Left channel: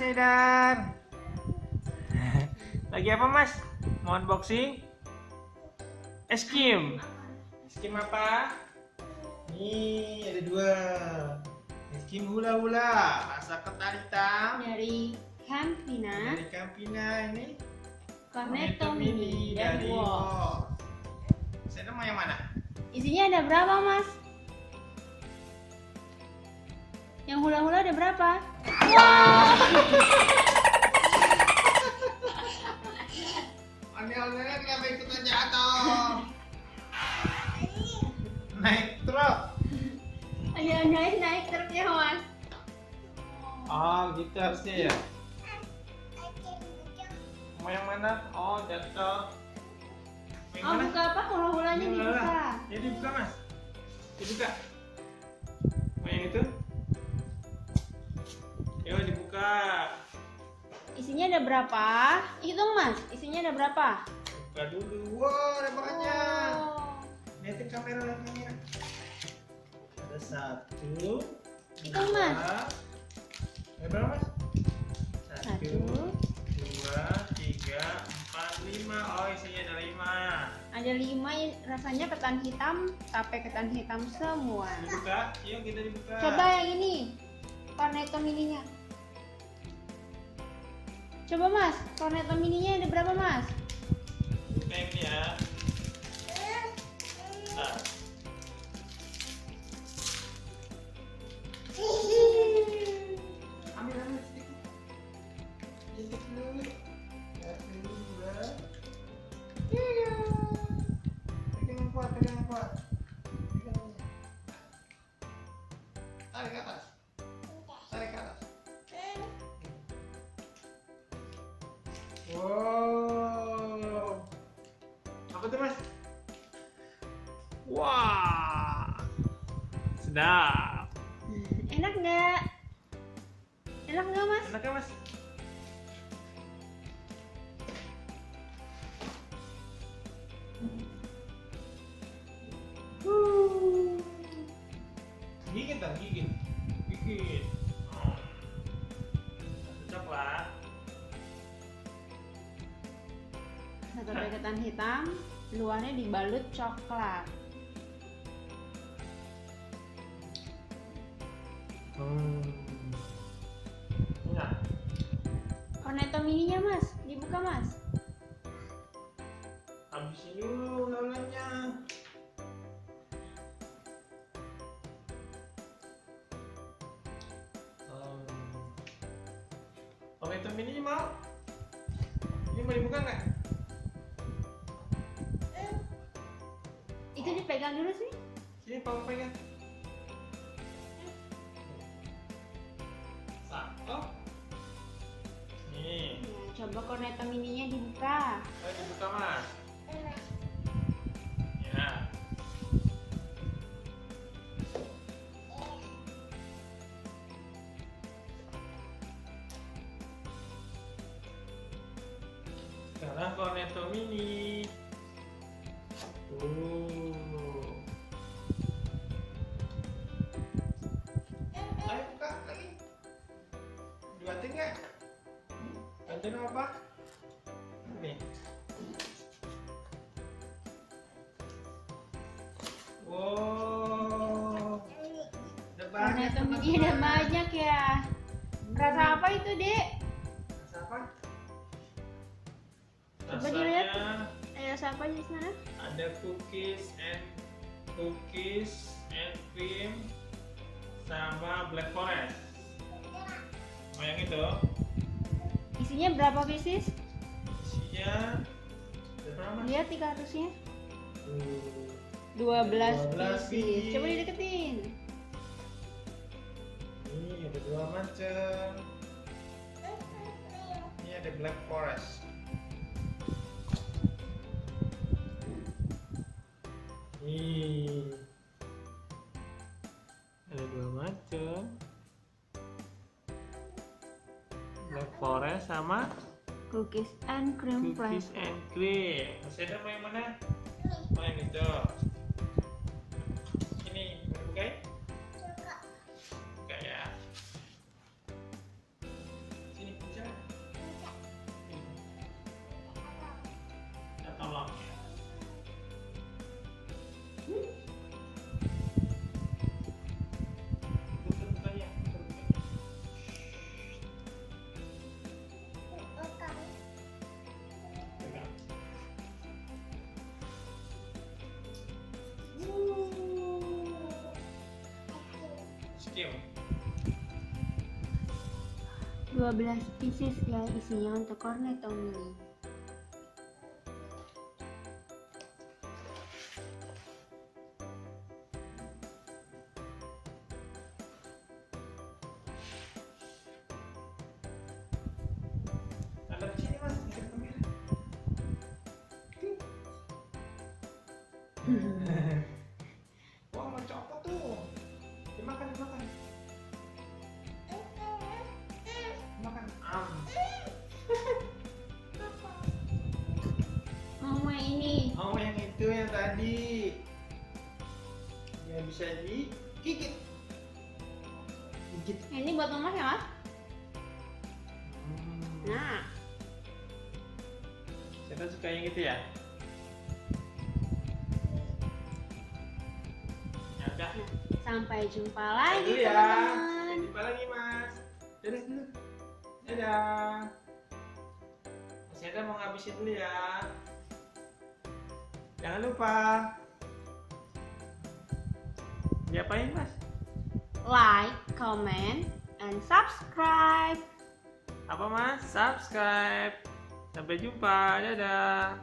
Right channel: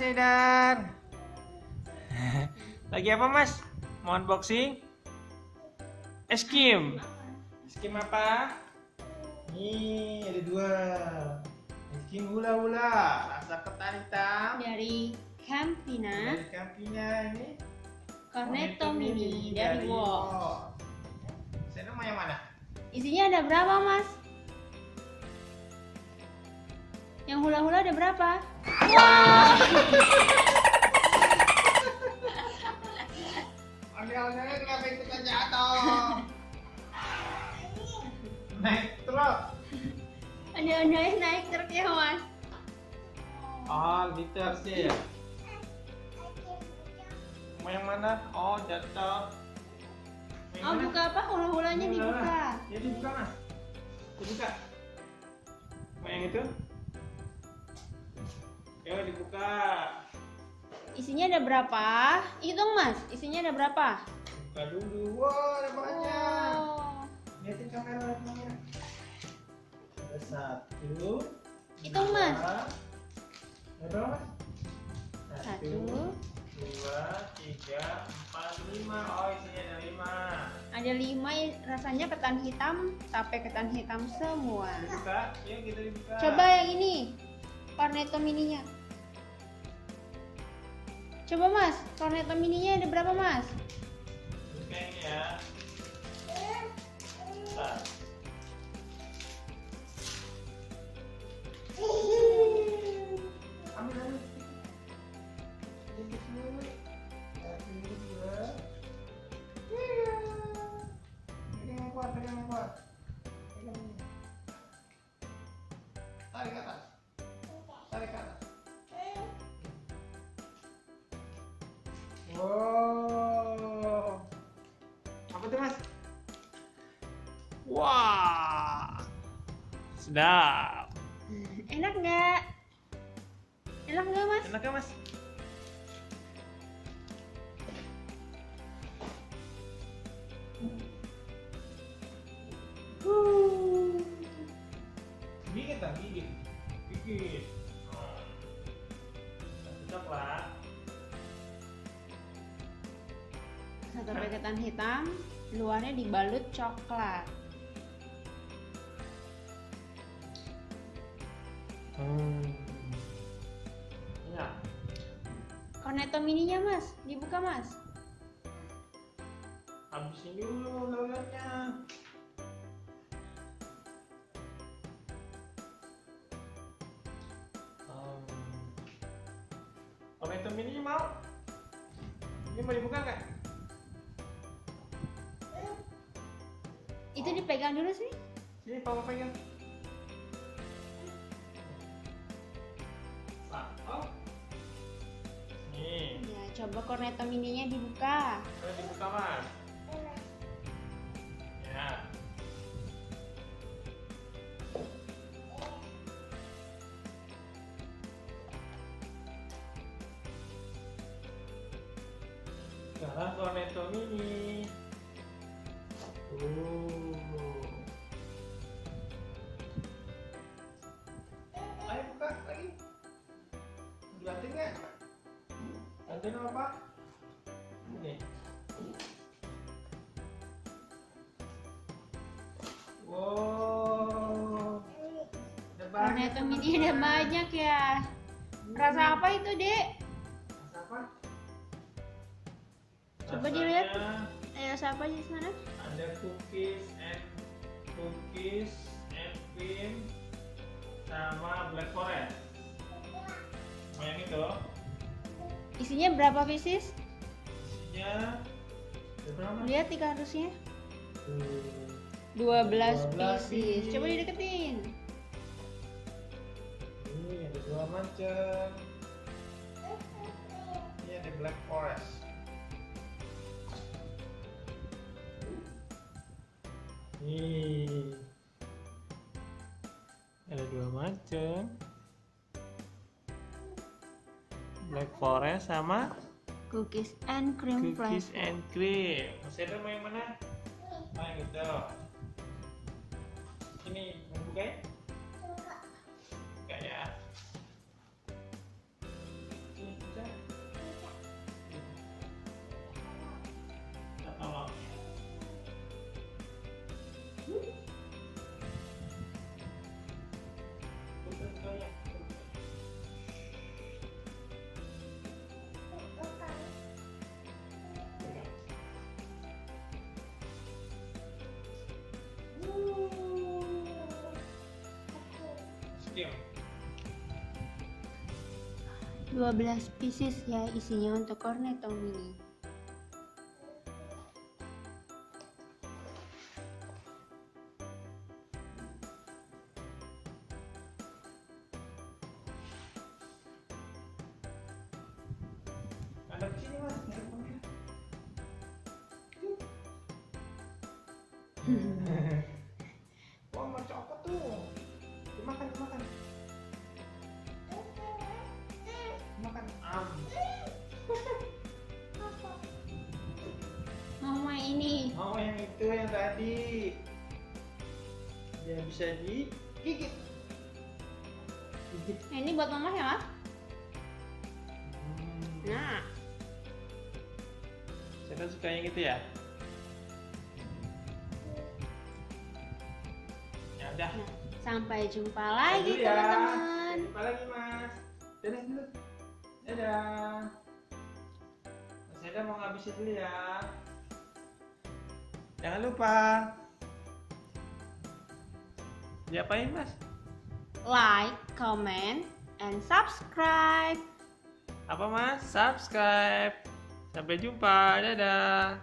Mas Edan. Lagi apa Mas? Mau unboxing? Es krim. Es krim apa? Nih ada dua. Es krim hula-hula rasa ketan hitam Dari Campina, dari Campina ini. Cornetto Mini dari Wok. Mas Edan mau yang mana? Isinya ada berapa, Mas? Yang hula-hula ada berapa? Wow! Ondel-ondelnya kenapa ikutan jatuh? Naik truk. Ondel-ondelnya naik truk ya, Mas? Oh gitu harusnya ya. Mau yang mana? Oh jatuh. Mau yang Oh, mana? buka apa? Hula-hulanya Ini dibuka. hula-hula. Ya dibuka Mas. Dibuka. Mau yang itu? Ya dibuka. Isinya ada berapa? Hitung, Mas. Isinya ada berapa? Buka dulu. Wow ada banyak. Oh. Lihatin kamera, lihat kamera. Ada satu. Hitung, dua. Mas. Ada berapa Mas? Satu, dua, tiga, empat, lima. Oh isinya ada lima. ada 5, rasanya ketan hitam, tape ketan hitam semua. Dibuka, yuk kita dibuka. Coba yang ini, Cornetto Mininya. Coba Mas, Cornetto Mininya ada berapa Mas? Buka ini ya. Nah. Ambil sedikit. Sedikit dulu. Satu, dua. Tiga. Pegang yang kuat, pegang yang kuat. Pegang yang kuat. Tarik ke atas. Tarik ke atas. Wow. Apa tuh Mas? Wah. Sedap. Enak nggak? Enak nggak Mas? Enak ya Mas? Gigit dong, gigit. Gigit. Oh. Satu coklat. Satu tape ketan hitam, luarnya dibalut coklat. Ya. Cornetto Mininya Mas, dibuka Mas. Habisin dulu lelenya. Cornetto Mini mau? Ini mau dibuka nggak? Itu dipegang dulu sih. Sini papa pegang. Satu. Nih. Ya, coba Cornetto Mininya dibuka. Oh dibuka Mas. Ya. Sekarang Cornetto Mini. Ayo buka lagi. Dibanting nggak? Bantuin apa? Nih. Wow. Ada banyak. Cornetto Mini ada banyak ya. Rasa apa itu, Dek? Rasa apa? Coba Rasanya dilihat. Ayo, rasa apa di sana? ada cookies and cream sama black forest. Mau yang itu? Isinya berapa pieces? Isinya ada berapa? Lihat di kardusnya. 12 12 pieces. Coba dideketin. Ini ada dua macam. Ini ada black forest. Nih. Ada dua macam. Black forest sama Cookies and cream cookies flavor. and cream. Masih ada mau yang mana? Mau yang itu. Ini mau buka ya? Buka ya. Sini. Buka-bukanya. Pegang. Skim. 12 pieces ya isinya untuk cornetto mini. Ada di sini mas, ngadep kamera. Wah, mau copot tuh. Dimakan, dimakan. Makan. Mama ini. Oh, yang itu yang tadi. Yang bisa digigit. Gigit. Ini buat mama ya mas? Nah, Saya suka yang gitu ya. Ya udah. nah, sampai jumpa Dadah lagi dulu ya. teman-teman. Sampai jumpa lagi mas. Dadah dulu. Dadah. Mas Eda mau ngabisin dulu ya. Jangan lupa. Diapain mas? Like, comment, and subscribe. Apa mas? Subscribe. Sampai jumpa. Dadah.